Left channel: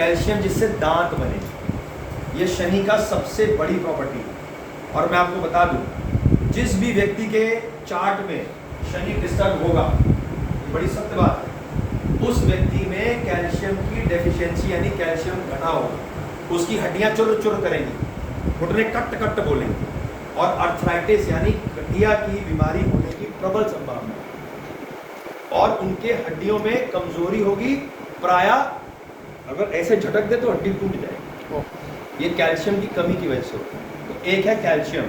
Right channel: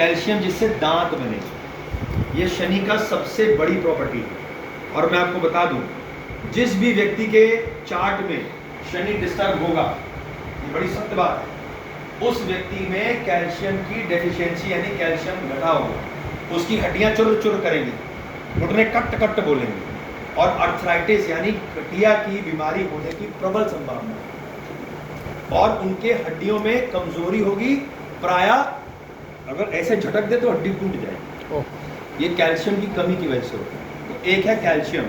Calcium जिससे दांत बने, ये शनि का सबसे बड़ी प्रॉपर्टी है। और मैं आपको बता दूं, जिस भी व्यक्ति के चार्ट में शनि डिस्टर्ब होगा, ये बड़ी सत्य बात है, उस व्यक्ति में कैल्शियम की डेफिशिएंसी यानी कैल्शियम घटा होगा, उसकी हड्डियां चुर चुर करेंगी, घुटने कट कट बोलेंगे, और अर्थराइटिस यानी गठिया की बीमारी होने की प्रबल संभावना है, और उनके हड्डियों में कमजोरी होगी, प्रायः अगर ऐसे झटक दे तो हड्डी टूट जाएगी। ये कैल्शियम की कमी की वजह से होता है। तो एक है कैल्शियम,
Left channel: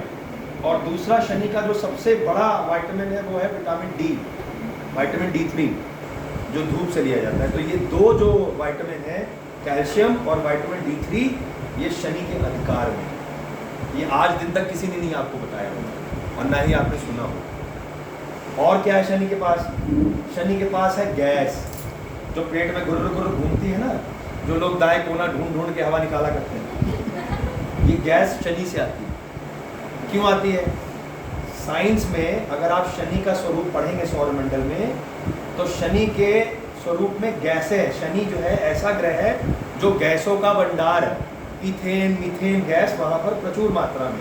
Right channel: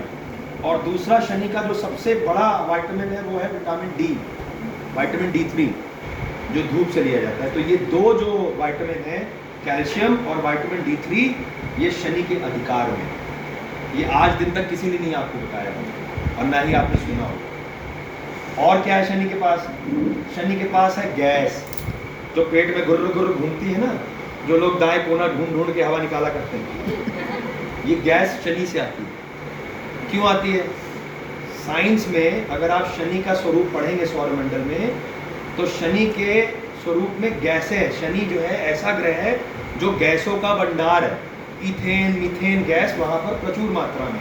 और दूसरा शनि का जो सबसे बड़ा विटामिन है वो है विटामिन डी, विटामिन D3, जो धूप से लिया जाता है। तो ये दो जो विटामिन है, कैल्शियम और विटामिन D3, ये शनि के अधिकार में है। ये आज दिन तक किसी ने नहीं आपको बताया होगा, और ना ही आपने सुना होगा। और क्या है शनि के पास? शनि के पास है गैस, जो पेट में गुर्र गुर्र घूमती है ना, जो लोग दाएं कोना ढूंढ ढूंढ के हवा निकाला करते हैं, ये गैस शनि से आती है। क्यों आती है? साइंस में अगर आप शनि का स्वरूप पढ़ेंगे सौरमंडल में, तो शनि के स्वरूप में गैसें है। शनि जो है ऐसा ग्रह है जो गैसों का भंडार है, इथेन मीथेन गैस वहाँ पर प्रचुर मात्रा में।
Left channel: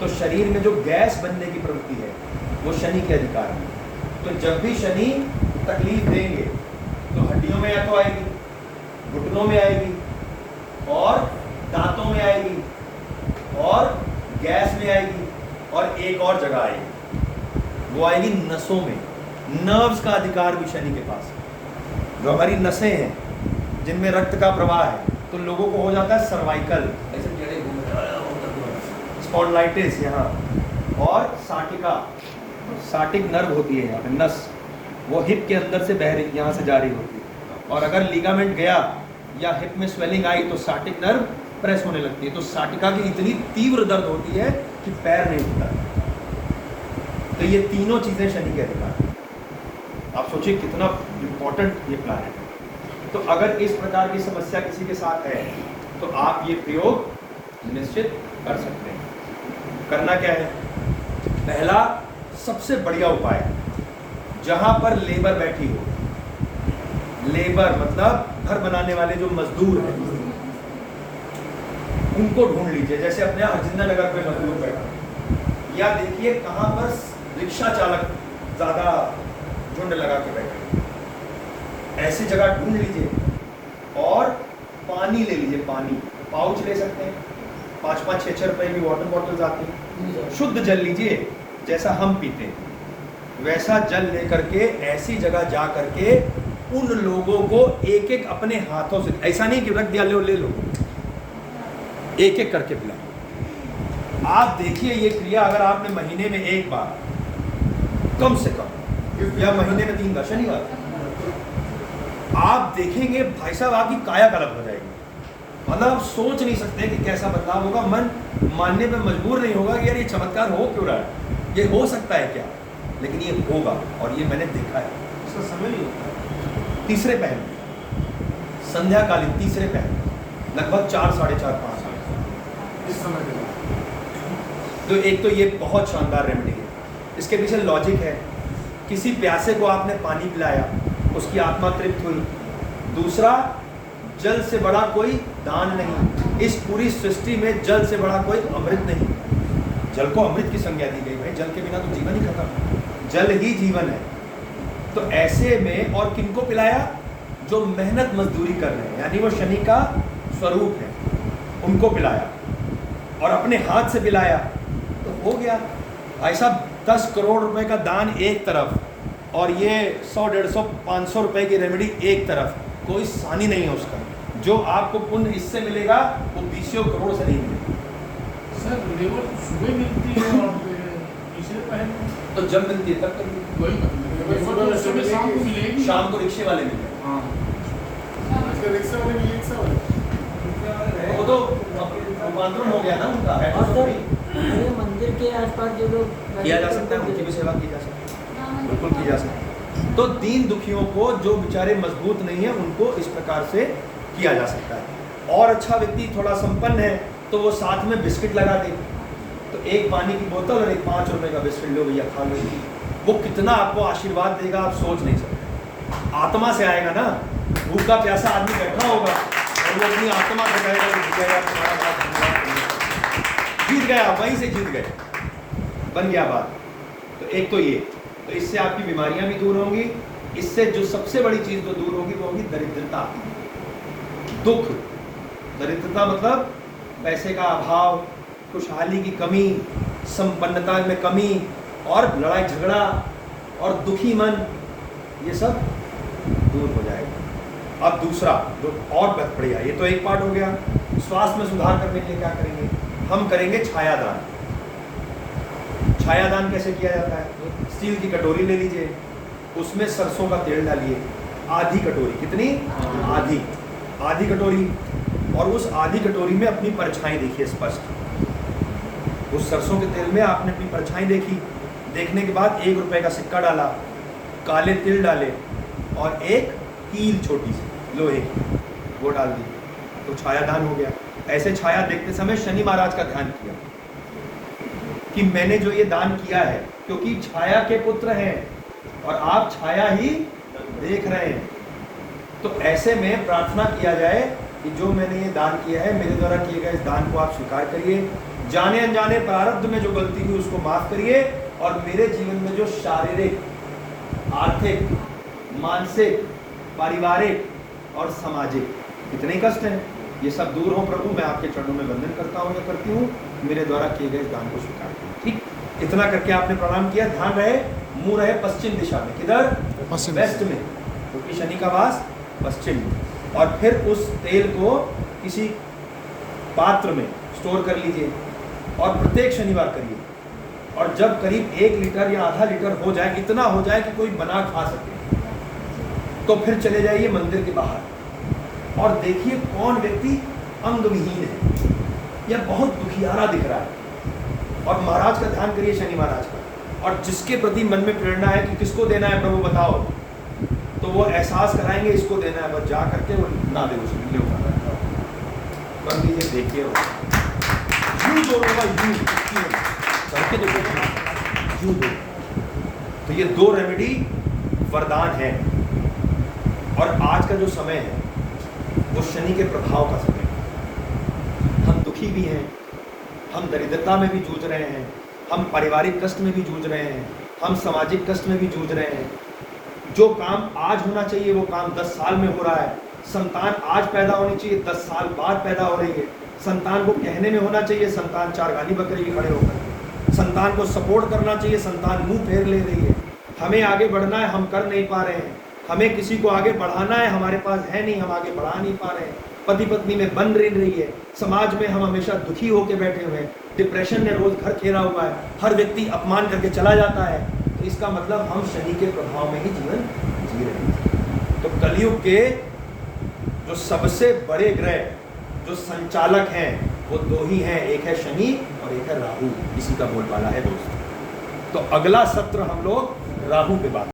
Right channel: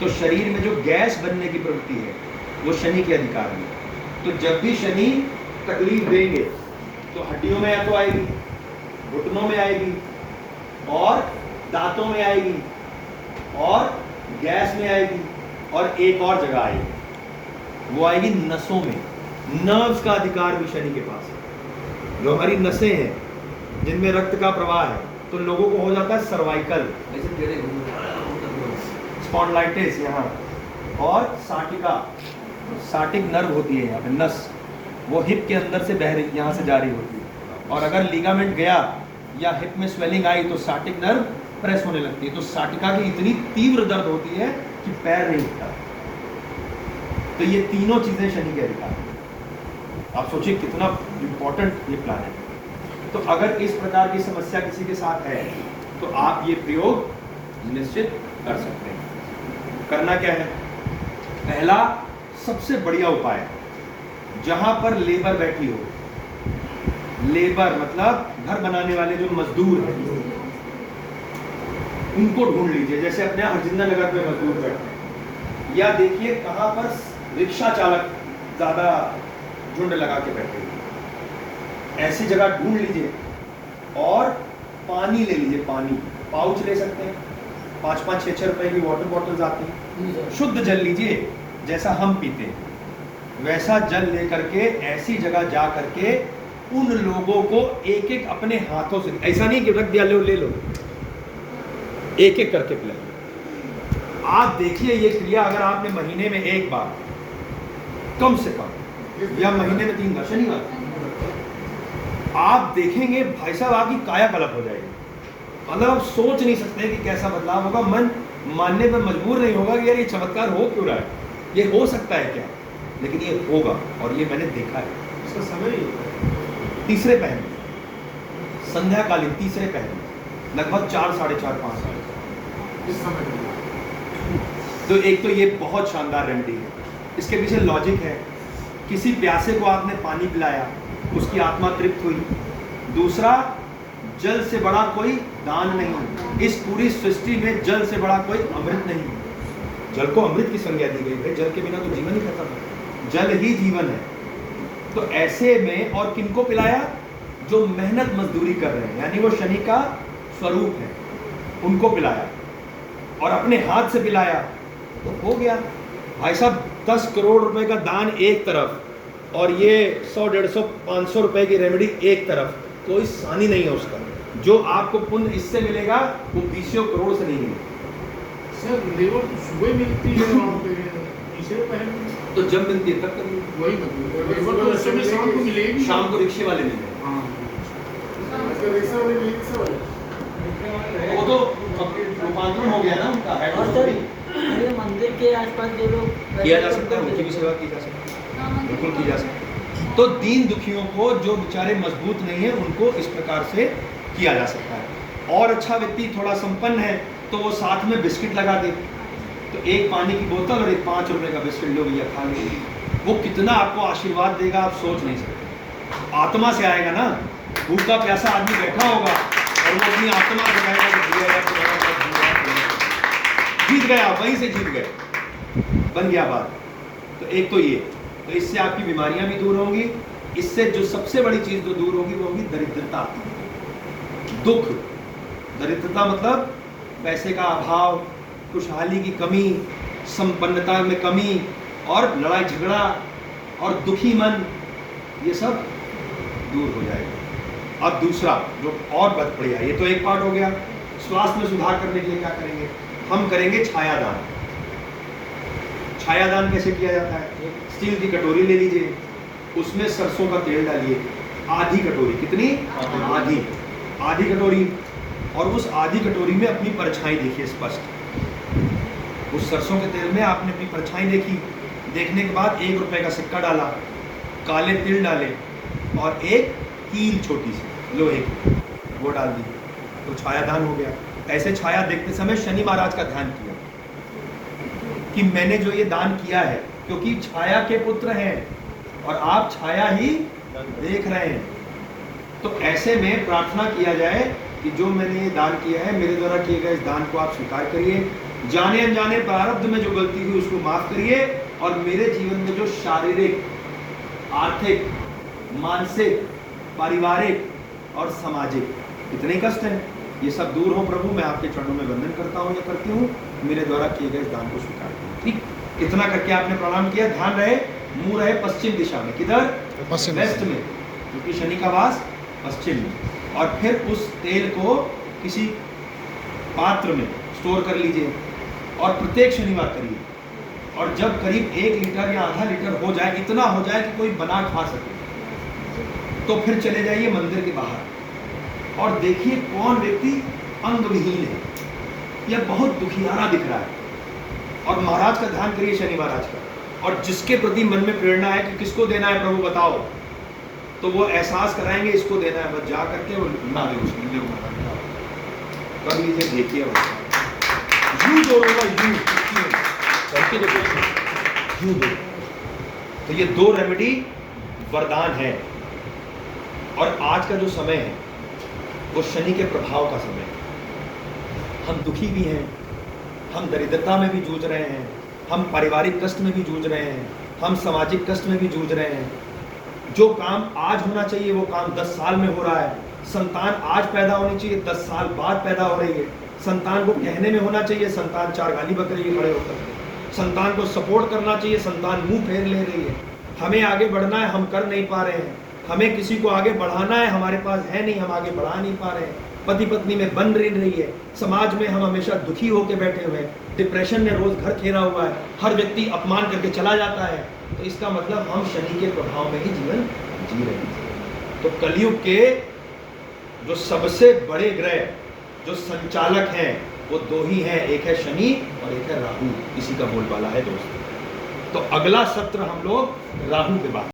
तो शरीर में जो गैस बनने की प्रवृत्ति है वो शनि के अधिकार में। तो जब भी शनि तकलीफ देंगे तो हड्डियों में या तो आएगी, घुटनों में आएगी, और दांतों में आएगी, और गैस में आएगी, और एक और जगह आएगी, वो आएगी नसों में। नर्व्स का अधिकार भी शनि के पास है। जो हमारी नसें हैं जिनमें रक्त का प्रवाह है, तो लोगों को हो जाता है सर्वाइकल, स्पॉन्डिलाइटिस यहाँ, और साटिका, साटिक नर्व होती है यहाँ पे नस, वो हिप के अंदर से बह रही, यहाँ से जा रही होती है, और अगर लिगामेंट गया या हिप में स्वेलिंग आई तो साटिक नर्व प्रेस होने लगती है। तो साटिका की इतनी तीव्र दर्द होती है कि पैर नहीं उठता। तो ये तीनों चीजें शनि के अधिकार हैं। आप सोचिए कितना इंपॉर्टेंट ये प्लान है। तो अगर इस प्रकार की समस्या किसी के साथ है तो आप ये प्रयोग निश्चित कर सकते हैं। करना क्या है? पहला सबसे बढ़िया उपाय है, जहां पर लेबर बैठी हो, लेबर मतलब घर बनाने वाले जो मजदूर हैं, उनको ढूंढ लीजिए। जैसे अपने हरजिंदर नगर पे मजदूर बैठे हैं, या देखिए कहां पर रिक्शा चालक ज्यादा झुंड लगा के बैठे हैं, ऐसी जगह ढूंढ लीजिए, और पानी ले लीजिए। पानी पाउच ले सकते हैं, 5-5, 6-6 रुपए की वाटर बॉटल्स आती हैं। शुद्ध जल लीजिए, जैसा हम पीते हैं वैसा जल लेकर के ऐसी जगह जा करके उन लोगों को एक एक अपने हाथों से, ऐसा नहीं कि रख दिया ले लो, एक एक करके पिला। आप देखिए ये क्रिया अगर आपने महीने में एक बार, कम से कम, या महीने में 3 बार, शनिवार, आप देखेंगे भाई साहब आपकी काया कल्प हो जाएगी। मतलब आप सोच नहीं सकते कि कैसा बदलाव होगा। मन मानने पर मजबूर नहीं होगा कि यार ये चमत्कार हो क्यों रहा है, ये हो सकता है क्या, लेकिन ये होगा, और ये मैंने देखा है। इसका समय नहीं होता है। तीसरे पहर, संध्याकालीन तीसरे पहर, लगभग 4, 4:30, 5 इस समय के लिए। तो एक तो ये बहुत शानदार रेमेडी है। इसके पीछे लॉजिक है, किसी प्यासे को आपने पानी पिलाया, उसकी आत्मा तृप्त हुई। दूसरा, जल से बड़ा कोई दान नहीं, इस पूरी सृष्टि में जल से बड़ा कोई अमृत नहीं। जल को अमृत की संज्ञा दी गई, भाई जल के बिना तो जीवन ही खत्म है, जल ही जीवन है। तो ऐसे में, और किनको पिलाया? जो मेहनत मजदूरी कर रहे हैं, यानी वो शनि का स्वरूप है, उनको पिलाया, और अपने हाथ से पिलाया, तो हो गया। भाई साहब 10 करोड़ रुपए का दान एक तरफ, और ये 100, 150, 500 रुपए की रेमेडी एक तरफ, कोई सानी नहीं है उसका। जो आपको पुण्य इससे मिलेगा वो 20 करोड़ से नहीं मिलेगा। सर लेबर तो सुबह मिलती है वहाँ पे, तीसरे पहर में, तो जब मिलती है तब करिए। वही मतलब लेबर तो उस समय शाम को मिलेगी, शाम को रिक्शे वाले मिल गए। हाँ रिक्शा वाले भी रिक्शा वाले, वो तो रूपांतरण हो गया ना उनका। और सर ये मंदिर के आसपास जो लोग किया जा सकता है, उनकी भी सेवा की जा सकती है, बिल्कुल की जा सकती है। तो दीन दुखियों को, जो बेचारे मजबूत नहीं है, उनको इस प्रकार से किया जा सकता है। और अच्छा व्यक्ति थोड़ा संपन्न है तो वो साथ में बिस्किट लगा दे, तो एक पानी की बोतल और एक 5 रुपए का बिस्किट, लो भैया खा लो। वो कितना आपको आशीर्वाद देगा आप सोच नहीं सकते। आत्मा से आएगा ना, भूखा प्यासा आदमी बैठा होगा, और वो अपनी आत्मा बताएगा कि भैया यार तुम्हारा बात बन गया, जीत गए आप, वहीं से जीत गए, बन गया बात। तो एक तो ये, तो इससे आपकी बीमारियां भी दूर होंगी। इससे जो सबसे बड़ी चीज जो दूर होगी वो होगी दरिद्रता, दुख। दरिद्रता मतलब पैसे का अभाव, खुशहाली की कमी, संपन्नता में कमी और लड़ाई झगड़ा और दुखी मन, ये सब दूर हो जाएगा। अब दूसरा जो और बढ़िया, ये तो एक पार्ट हो गया। स्वास्थ्य में सुधार करने के लिए क्या करेंगे? हम करेंगे छायादान। छायादान कैसे किया जाता है? स्टील की कटोरी ले लीजिए, उसमें सरसों का तेल डालिए, आधी कटोरी, कितनी? आधी कटोरी, और उस आधी कटोरी में अपनी परछाई देखिए स्पष्ट। उस सरसों के तेल में आपने अपनी परछाई देखी, देखने के बाद 1 रुपए का सिक्का डाला, काले तिल डाले और एक कील छोटी सी लोहे की वो डाल दी, तो छायादान हो गया। ऐसे छाया देखते समय शनि महाराज का ध्यान किया कि मैंने जो ये दान किया है, क्योंकि छाया के पुत्र हैं और आप छाया ही देख रहे हैं। तो ऐसे में प्रार्थना किया जाए कि जो मैंने ये दान किया है, मेरे द्वारा किए गए इस दान को आप स्वीकार करिए, जाने अनजाने प्रारब्ध में जो गलती हुई उसको माफ करिए, और मेरे जीवन में जो शारीरिक, आर्थिक, मानसिक, पारिवारिक और सामाजिक इतने कष्ट हैं, ये सब दूर हो प्रभु। मैं आपके चरणों में वंदन करता हूँ, मैं करती हूँ, मेरे द्वारा किए गए इस दान को स्वीकार करूँ। ठीक, इतना करके आपने प्रणाम किया। ध्यान रहे, मुंह रहे पश्चिम दिशा में, किधर? पश्चिम वेस्ट में, क्योंकि शनि का वास पश्चिम में। और फिर उस तेल को किसी पात्र में स्टोर कर लीजिए और प्रत्येक शनिवार करिए, और जब करीब 1 लीटर या आधा लीटर हो जाए, इतना हो जाए कि कोई बना खा सके, तो फिर चले जाइए मंदिर के बाहर और देखिए कौन व्यक्ति अंगविहीन है या बहुत दुखियारा दिख रहा है, और महाराज का ध्यान करिए, शनि महाराज का, और जिसके प्रति मन में प्रेरणा है कि किसको देना है प्रभु बताओ, तो वो एहसास कराएंगे इसको देना है, बस जा करके वो ना दे उसको कर लीजिए, देखिए यूं जो होगा यूं करके देखो, यूं दो। तो ये 2 रेमेडी वरदान है। और आज का जो समय है वो शनि के प्रभाव का समय है। हम दुखी भी हैं, हम दरिद्रता में भी जूझ रहे हैं, हम पारिवारिक कष्ट में भी जूझ रहे हैं, हम सामाजिक कष्ट में भी जूझ रहे हैं। जो काम आज होना चाहिए वो काम 10 साल में हो रहा है। संतान आज पैदा होनी चाहिए, 10 साल बाद पैदा हो रही है। संतान को कहने में होना चाहिए, संतान 4 गाली बक रही है खड़े होकर। संतान को सपोर्ट करना चाहिए, संतान मुंह फेर ले रही है। हमें आगे बढ़ना है, हम कर नहीं पा रहे हैं। हमें किसी को आगे बढ़ाना है, हमारे पास है नहीं, हम आगे बढ़ा नहीं पा रहे हैं। पति पत्नी में बन रही है, समाज में हम हमेशा दुखी होकर बैठे हुए हैं, डिप्रेशन में रोज घर घेरा हुआ है, हर व्यक्ति अपमान करके चला जाता है। तो इसका मतलब हम शनि के प्रभाव में ही जीवन जी रहे हैं। तो कलयुग के जो सबसे बड़े ग्रह जो संचालक हैं वो 2 ही हैं, एक है शनि और एक है राहु। इसी का बोलबाला है दोस्तों। तो अगला सत्र हम लोग राहु पे बात